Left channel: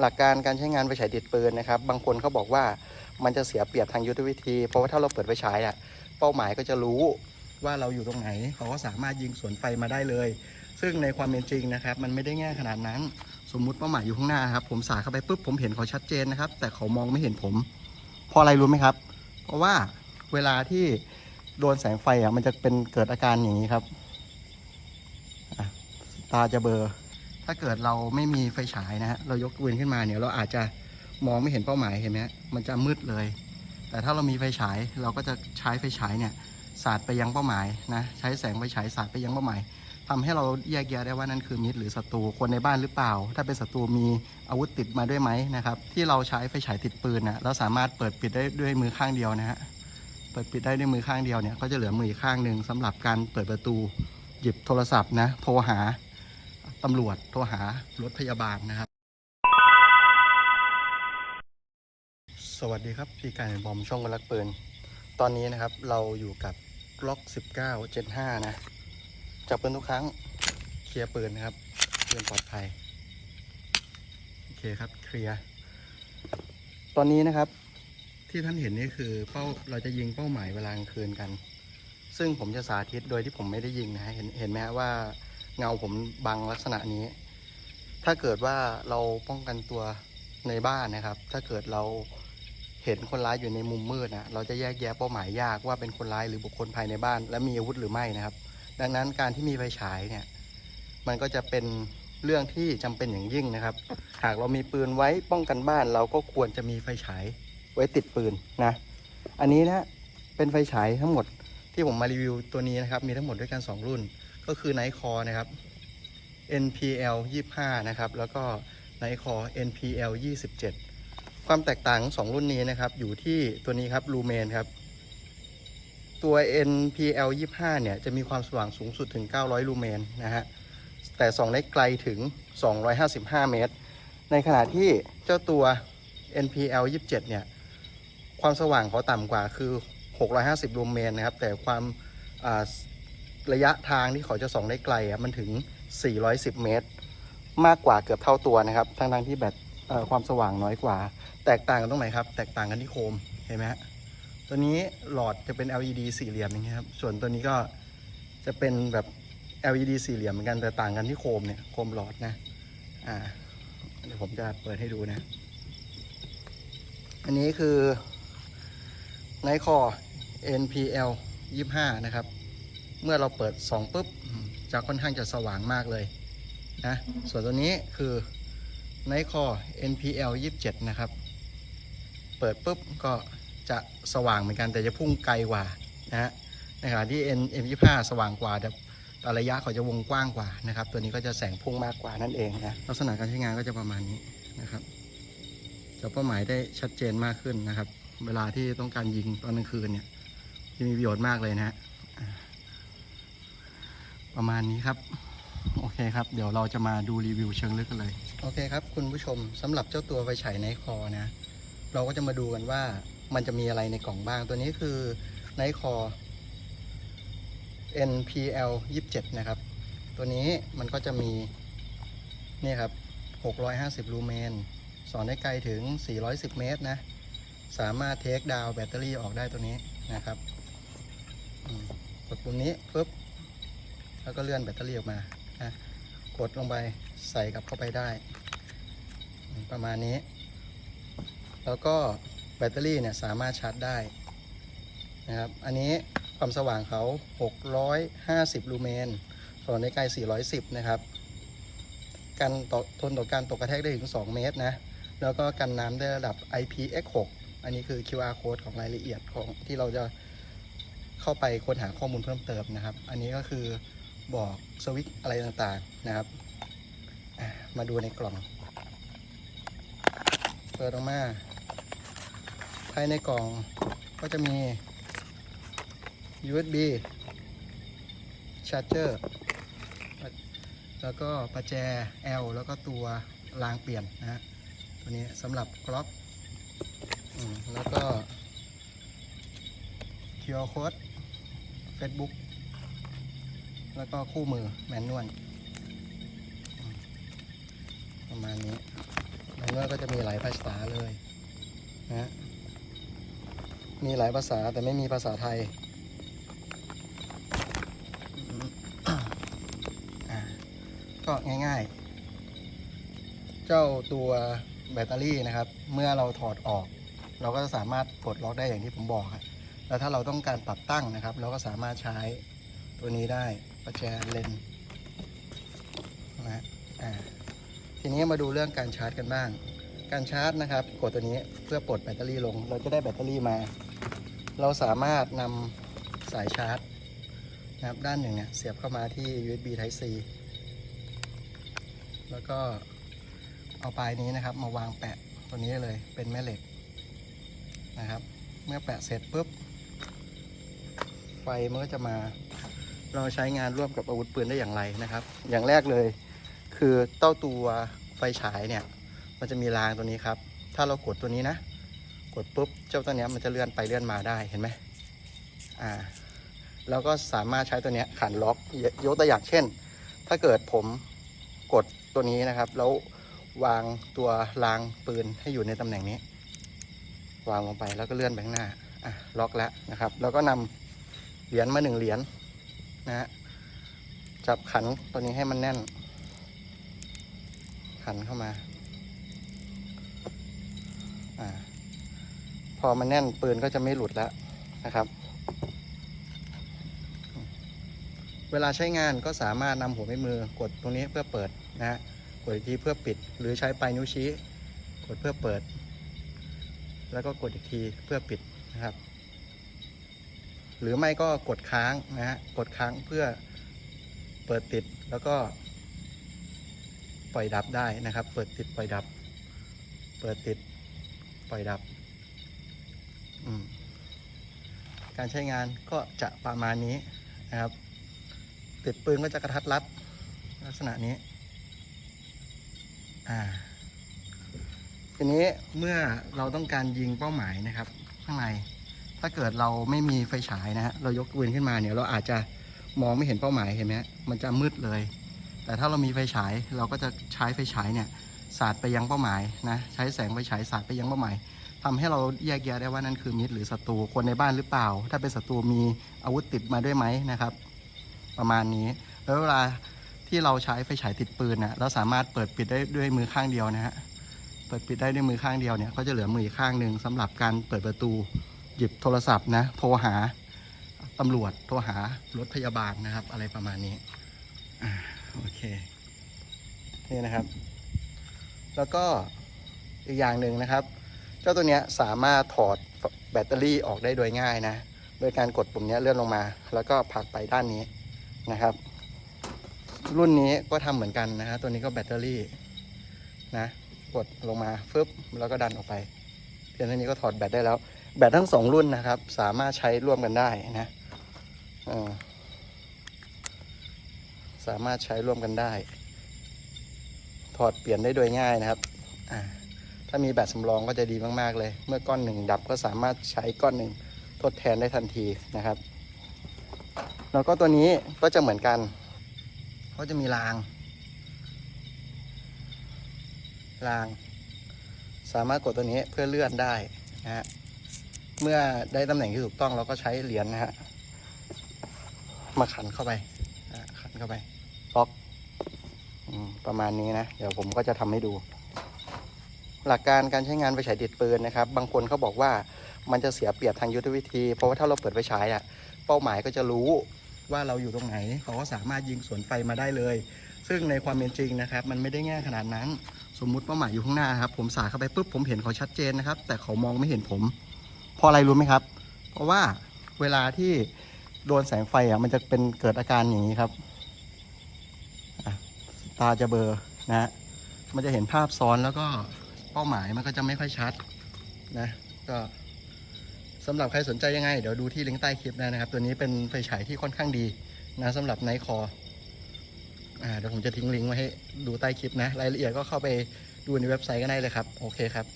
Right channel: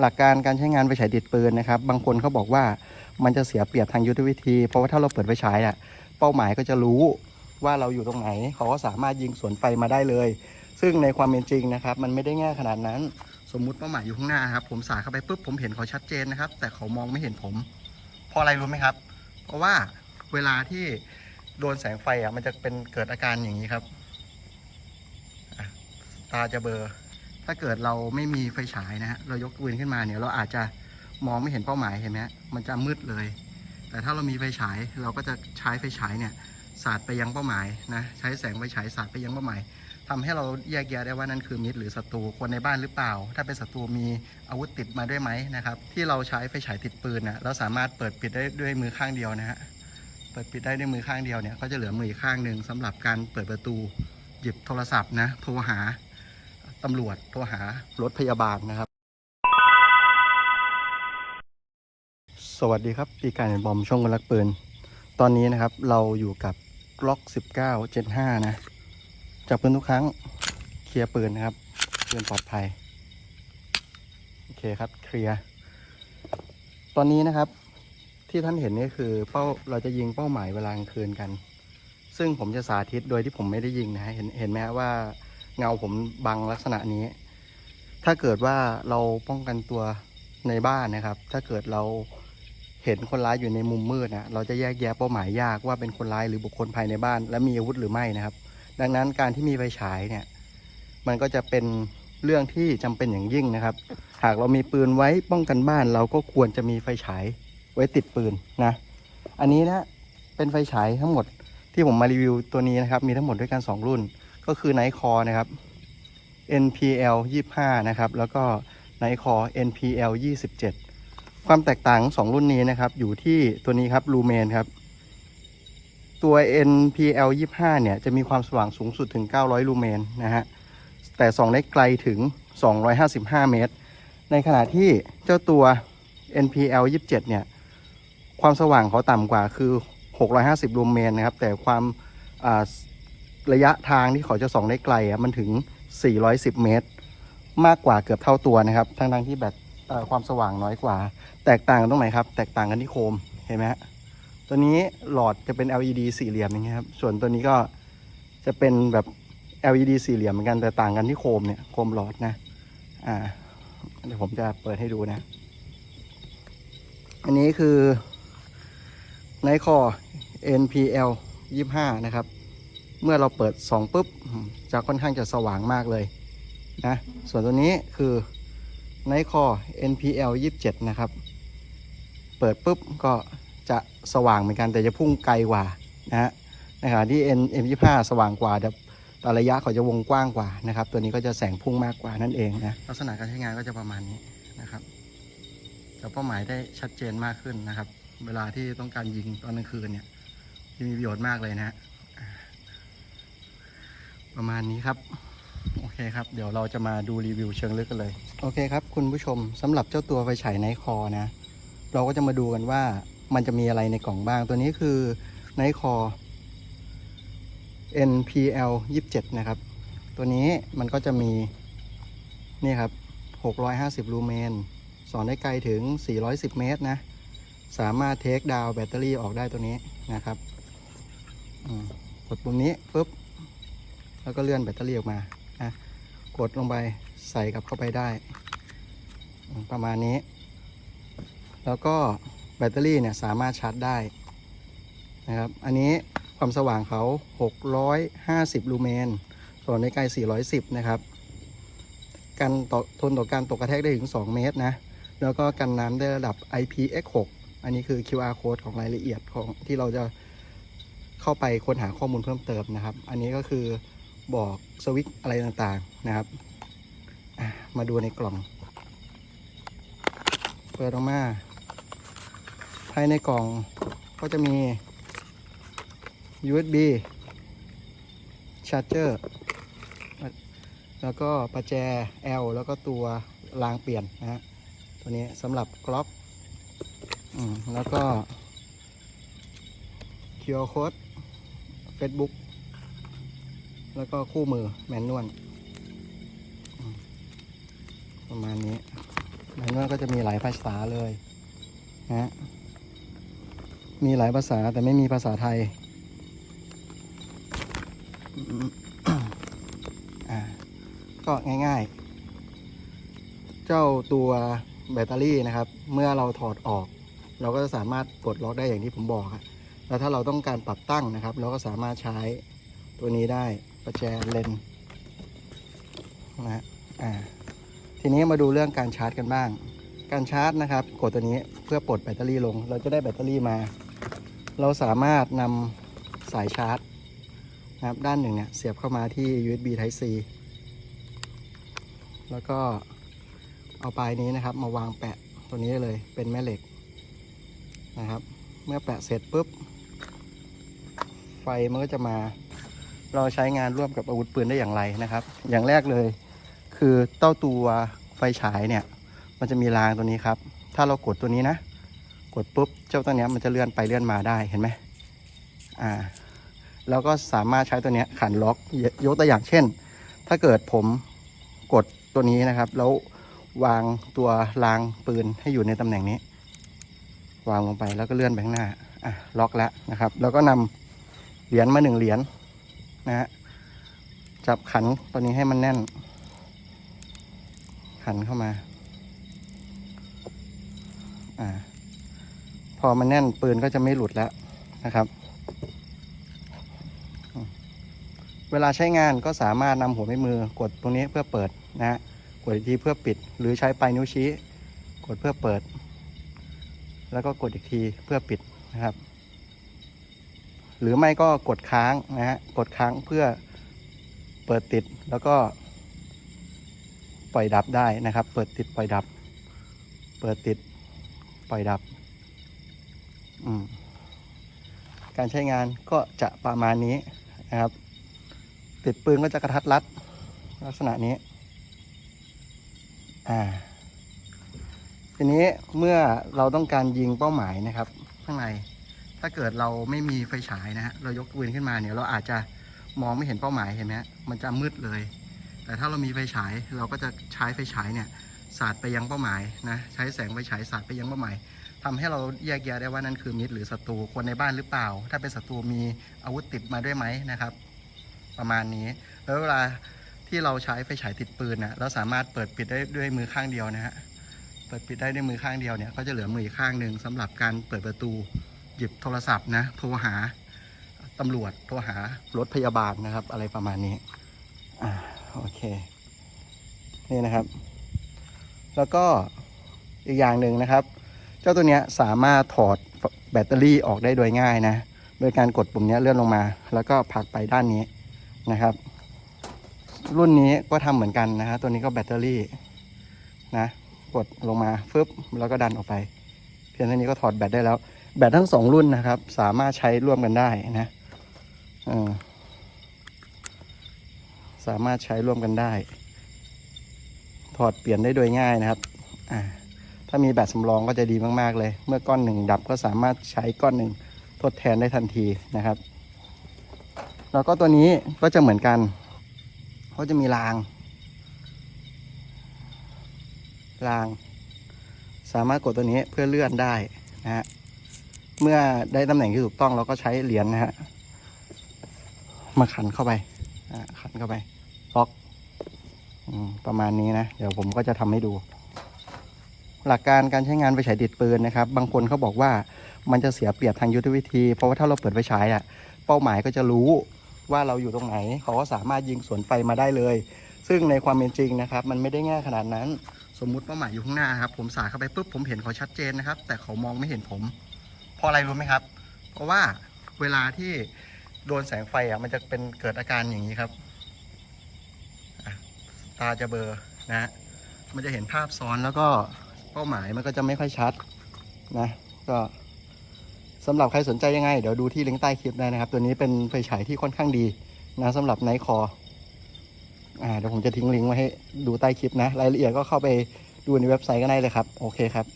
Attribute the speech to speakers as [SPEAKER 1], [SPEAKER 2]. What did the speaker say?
[SPEAKER 1] หลักการการใช้งานไฟฉายติดปืนนะครับ บางคนเขาบอกว่ามันจะเสียเปรียบทางยุทธวิธี เพราะว่าถ้าเราเปิดไฟฉายอะเป้าหมายก็จะรู้ว่าเราอยู่ตรงไหนเขาก็สามารถยิงสวนไฟมาได้เลย ซึ่งในความเป็นจริงนะครับ มันไม่ได้ง่ายขนาดนั้น สมมุติเป้าหมายอยู่ข้างหน้าครับ ผมสาเข้าไปปุ๊บผมเห็นเขาชัดเจนนะครับ แต่เขามองไม่เห็นผมเพราะอะไรรู้ไหมครับ เพราะว่าเวลาที่โดนแสงไฟอะมันจะเป็นเกิดอาการอย่างนี้ครับตาจะเบลอ ถ้าเกิดเราไม่มีไฟฉายนะฮะเรายกปืนขึ้นมาเนี่ยเราอาจจะมองไม่เห็นเป้าหมายเห็นไหมมันจะมืดเลย แต่ถ้าเรามีไฟฉายเราก็จะใช้ไฟฉายเนี่ยสาดไปยังเป้าหมายนะใช้แสงไฟฉายสาดไปยังเป้าหมายทำให้เราแยกแยะได้ว่านั่นคือมิตรหรือศัตรูคนในบ้านหรือเปล่า ถ้าเป็นศัตรูมีอาวุธติดมาด้วยไหมนะครับที่เราใช้ไฟฉายติดปืนนะเราสามารถเปิดปิดได้ด้วยมือข้างเดียวนะฮะเปิดปิดได้ด้วยมือข้างเดียวเนี่ยก็จะเหลือมืออีกข้างหนึ่งสำหรับการเปิดประตูหยิบโทรศัพท์นะโทรหา ตำรวจโทรหารถพยาบาลนะครับ สวัสดีครับ พี่การบอมช่องคนรักปืน ตอนนี้นะครับเราอยู่กับกล็อก 19 Gen 5นะ จับปืนทุกครั้ง เคลียร์ปืนนะครับปืนปลอดภัย โอเคครับ เคลียร์ ตอนนี้นะครับที่ท่านเห็นนี่คือเป้าเราจะยิงเป้าหมายเวลากลางคืนกัน ซึ่งผมจะสาธิตโดยที่ผมไม่ได้ยิงนะฮะเห็นเห็นไหมว่า เงาผมบังลักษณะนี้ ถ้าเกิดว่าเราป้องกันตัวในบ้านนะครับ ถ้าเกิดเราเห็นคนร้ายอยู่ในมุมมืดนะเราจะแยกแยะเป้าหมายยากว่าเป็นคนร้ายหรือบุคคลภายในบ้าน และมีอาวุธหรือไม่นะครับ ดังนั้นการที่มีไฟฉายเนี่ย มันก็จะเป็นเรื่องที่จำเป็นอย่างยิ่งนะครับ หากเรามีปืนไว้ป้องกันบ้าน เราก็ควรจะมีไฟฉายไว้ติดปืนนะ อันนี้นะเป็นไฟฉายทั้งหมดที่ผมมารีวิวตัวนี้นะครับ มีทั้งหมดด้วยกันสองรุ่น ก็คือไนคอนะครับ NPL 25 นะครับ แล้วก็ไนคอ NPL 27 ความแตกต่างสองรุ่นนี้นะครับ อยู่ที่ตัวนี้ครับลูเมนครับ ตัว NPL 25 เนี่ย จะมีความสว่างสูงสุดถึง 900 ลูเมนนะฮะ แต่ส่องได้ไกลถึง 255 เมตร ในขณะที่เจ้าตัว NPL 27 เนี่ย ความสว่างเขาต่ำกว่าคือ 650 ลูเมนนะครับ แต่ความ ระยะทางที่เขาจะส่องได้ไกลอะมันถึง 410 เมตร มากกว่าเกือบเท่าตัวนะครับ ทั้งทั้งที่แบตความสว่างน้อยกว่า แตกต่างตรงไหนครับ แตกต่างกันที่โคม เห็นไหมฮะ ตัวนี้หลอดจะเป็น LED สี่เหลี่ยมอย่างเงี้ยครับ ส่วนตัวนี้ก็จะเป็นแบบ LED สี่เหลี่ยมเหมือนกัน แต่ต่างกันที่โคมเนี่ย โคมหลอดนะ อ่า เดี๋ยวผมจะเปิดให้ดูนะ อันนี้คือไนคอ NPL 25 นะครับ เมื่อเราเปิดสองปุ๊บจะค่อนข้างจะสว่างมากเลยนะส่วนตัวนี้คือไนคอ NPL 27 นะครับ เปิดปุ๊บก็จะสว่างเหมือนกันแต่จะพุ่งไกลกว่านะฮะในขณะที่ N M25 สว่างกว่าแต่แต่ระยะเขาจะวงกว้างกว่านะครับ ตัวนี้ก็จะแสงพุ่งมากกว่านั่นเองนะลักษณะการใช้งานก็จะประมาณนี้นะครับจะเป้าหมายได้ชัดเจนมากขึ้นนะครับ เวลาที่ต้องการยิงตอนกลางคืนเนี่ยจะมีประโยชน์มากเลยนะฮะ ประมาณนี้ครับ โอเคครับ เดี๋ยวเราจะมาดูรีวิวเชิงลึกกันเลย โอเคครับ คุณผู้ชมสำหรับเจ้าตัวไฟฉายไนคอนะ เราก็จะมาดูกันว่ามันจะมีอะไรในกล่องบ้าง ตัวนี้คือไนคอ NPL 27 นะครับ ตัวนี้มันก็จะมี นี่ครับ 650 ลูเมน สอนได้ไกลถึง 410 เมตรนะ สามารถเทคดาวแบตเตอรี่ออกได้ตัวนี้นะครับกดปุ่มนี้ปุ๊บ แล้วก็เลื่อนแบตเตอรี่ออกมานะกดลงไปใส่กลับเข้าไปได้ ประมาณนี้ แล้วก็แบตเตอรี่เนี่ยสามารถชาร์จได้นะครับ อันนี้ความสว่างเขา 650 ลูเมน ส่วนในไกล410 นะครับ กันต่อทนต่อการตกกระแทกได้ถึง 2 เมตรนะ แล้วก็กันน้ำได้ระดับ IPX6 อันนี้คือ QR code ของรายละเอียดของที่เราจะเข้าไปค้นหาข้อมูลเพิ่มเติมนะครับ อันนี้ก็คือ บอกสวิตอะไรต่างๆนะครับ มาดูในกล่อง เปิดออกมาภายในกล่องก็จะมี USB charger แล้วก็ประแจ L แล้วก็ตัวรางเปลี่ยนนะฮะตัวนี้สำหรับกล็อกแล้วก็ QR code Facebook แล้วก็คู่มือแมนนวลประมาณนี้แล้วน่าจะมีหลายภาษาเลยนะมีหลายภาษาแต่ไม่มีภาษาไทยก็ง่ายๆ เจ้าตัวแบตเตอรี่นะครับ เมื่อเราถอดออก เราก็จะสามารถกดล็อกได้อย่างที่ผมบอกครับแล้วถ้าเราต้องการปรับตั้งนะครับ เราก็สามารถใช้ตัวนี้ได้ ประแจเลนนะฮะอ่าทีนี้มาดูเรื่องการชาร์จกันบ้าง การชาร์จนะครับกดตัวนี้เพื่อปลดแบตเตอรี่ลง เราจะได้แบตเตอรี่มา เราสามารถนำสายชาร์จนะครับด้านหนึ่งเนี่ยเสียบเข้ามาที่ USB Type C แล้วก็เอาปลายนี้นะครับ มาวางแปะตัวนี้เลยเป็นแม่เหล็กนะครับ เมื่อแปะเสร็จปุ๊บ ไฟมันก็จะมา เราใช้งานร่วมกับอาวุธปืนได้อย่างไรนะครับ อย่างแรกเลย คือเต้าตัวไฟฉายเนี่ย มันจะมีรางตัวนี้ครับ ถ้าเรากดตัวนี้นะ กดปุ๊บเจ้าตัวเนี้ยมันจะเลื่อนไปเลื่อนมาได้เห็นไหมอ่าแล้วก็สามารถใช้ตัวเนี้ยขันล็อกยยกตัวอย่างเช่น ถ้าเกิดผมกดตัวนี้นะครับ แล้ววางตัวรางปืนให้อยู่ในตำแหน่งนี้ วางลงไปแล้วก็เลื่อนไปข้างหน้าอะล็อกแล้วนะครับ แล้วก็นำเหรียญมาหนึ่งเหรียญ นะฮะจับขันตัวนี้ให้มันแน่น ขันเข้ามา อ่า พอมันแน่นปืนก็จะไม่หลุดแล้วนะครับ เวลาใช้งานก็สามารถนำหัวแม่มือกดตรงนี้เพื่อเปิดนะฮะกดอีกทีเพื่อปิด หรือใช้ปลายนิ้วชี้ กดเพื่อเปิด แล้วก็กดอีกทีเพื่อปิดนะครับ หรือไม่ก็กดค้างนะฮะกดค้างเพื่อเปิดติดแล้วก็ ปล่อยดับได้นะครับ เปิดติดปล่อยดับ เปิดติดปล่อยดับการใช้งานก็จะประมาณนี้นะครับ ติดปืนก็จะกระทัดรัด ลักษณะนี้ อ่า ทีนี้เมื่อเราต้องการยิงเป้าหมายนะครับ ข้างใน ถ้าเกิดเราไม่มีไฟฉายนะฮะเรายกปืนขึ้นมาเนี่ยเราอาจจะมองไม่เห็นเป้าหมายเห็นไหมฮะมันจะมืดเลย แต่ถ้าเรามีไฟฉายเราก็จะใช้ไฟฉายเนี่ยสาดไปยังเป้าหมายนะใช้แสงไฟฉายสาดไปยังเป้าหมายทำให้เราแยกแยะได้ว่านั่นคือมิตรหรือศัตรูคนในบ้านหรือเปล่า ถ้าเป็นศัตรูมีอาวุธติดมาด้วยไหมนะครับ ประมาณนี้ แล้วเวลาที่เราใช้ไฟฉายติดปืนนะเราสามารถเปิดปิดได้ด้วยมือข้างเดียวนะฮะเปิดปิดได้ด้วยมือข้างเดียวเนี่ยก็จะเหลือมืออีกข้างหนึ่งสำหรับการเปิดประตู หยิบโทรศัพท์นะ โทรหาตำรวจ โทรหารถพยาบาลนะครับ อะไรประมาณนี้ อ่า โอเค นี่นะครับ แล้วก็อีกอย่างหนึ่งนะครับ เจ้าตัวเนี้ยสามารถถอดแบตเตอรี่ออกได้โดยง่ายนะ โดยการกดปุ่มเนี้ยเลื่อนลงมา แล้วก็ผลักไปด้านนี้นะครับ รุ่นนี้ก็ทำเหมือนกันนะฮะตัวนี้ก็แบตเตอรี่นะ กดลงมาฟึบแล้วก็ดันออกไปเพียงเท่านี้ก็ถอดแบตได้แล้ว แบตทั้งสองรุ่นนะครับ สามารถใช้ร่วมกันได้นะสามารถใช้ร่วมกันได้ ถอดเปลี่ยนได้โดยง่ายนะครับ ถ้ามีแบตสำรองก็จะดีมาก ๆ เลย เมื่อก้อนหนึ่งดับก็สามารถใช้ก้อนหนึ่งทดแทนได้ทันทีนะครับ แล้วก็ตัวนี้ก็จะเหมือนกันเขาจะมีราง ราง สามารถกดตัวนี้เพื่อเลื่อนได้นะฮะ เมื่อได้ตำแหน่งที่ถูกต้องเราก็ใช้เหรียญนะฮะมาขันเข้าไปขันเข้าไปล็อกประมาณนี้นะ เดี๋ยวผมก็จะทำให้ดู หลักการการใช้งานไฟฉายติดปืนนะครับ บางคนเขาบอกว่ามันจะเสียเปรียบทางยุทธวิธี เพราะว่าถ้าเราเปิดไฟฉายอะ เป้าหมายก็จะรู้ว่าเราอยู่ตรงไหน เขาก็สามารถยิงสวนไฟมาได้เลย ซึ่งในความเป็นจริงนะครับ มันไม่ได้ง่ายขนาดนั้น สมมุติเป้าหมายอยู่ข้างหน้าครับ ผมสาดเข้าไปปุ๊บผมเห็นเขาชัดเจนนะครับ แต่เขามองไม่เห็นผม เพราะอะไรรู้ไหมครับ เพราะว่าเวลาที่โดนแสงไฟอะมันจะเป็นเกิดอาการอย่างนี้ครับ ตาจะเบลอนะฮะมันจะเห็นภาพซ้อนแล้วก็เป้าหมายมันก็จะไม่ค่อยชัดนะ ก็สำหรับใครสนใจยังไง เดี๋ยวดูที่ลิงก์ใต้คลิปได้นะครับ ตัวนี้เป็นไฟฉายที่ค่อนข้างดีนะสำหรับไนท์คออ่าเดี๋ยวผมจะทิ้งลิงก์ไว้ให้ดูใต้คลิปนะ รายละเอียดก็เข้าไปดูในเว็บไซต์ก็ได้เลยครับ โอเคครับ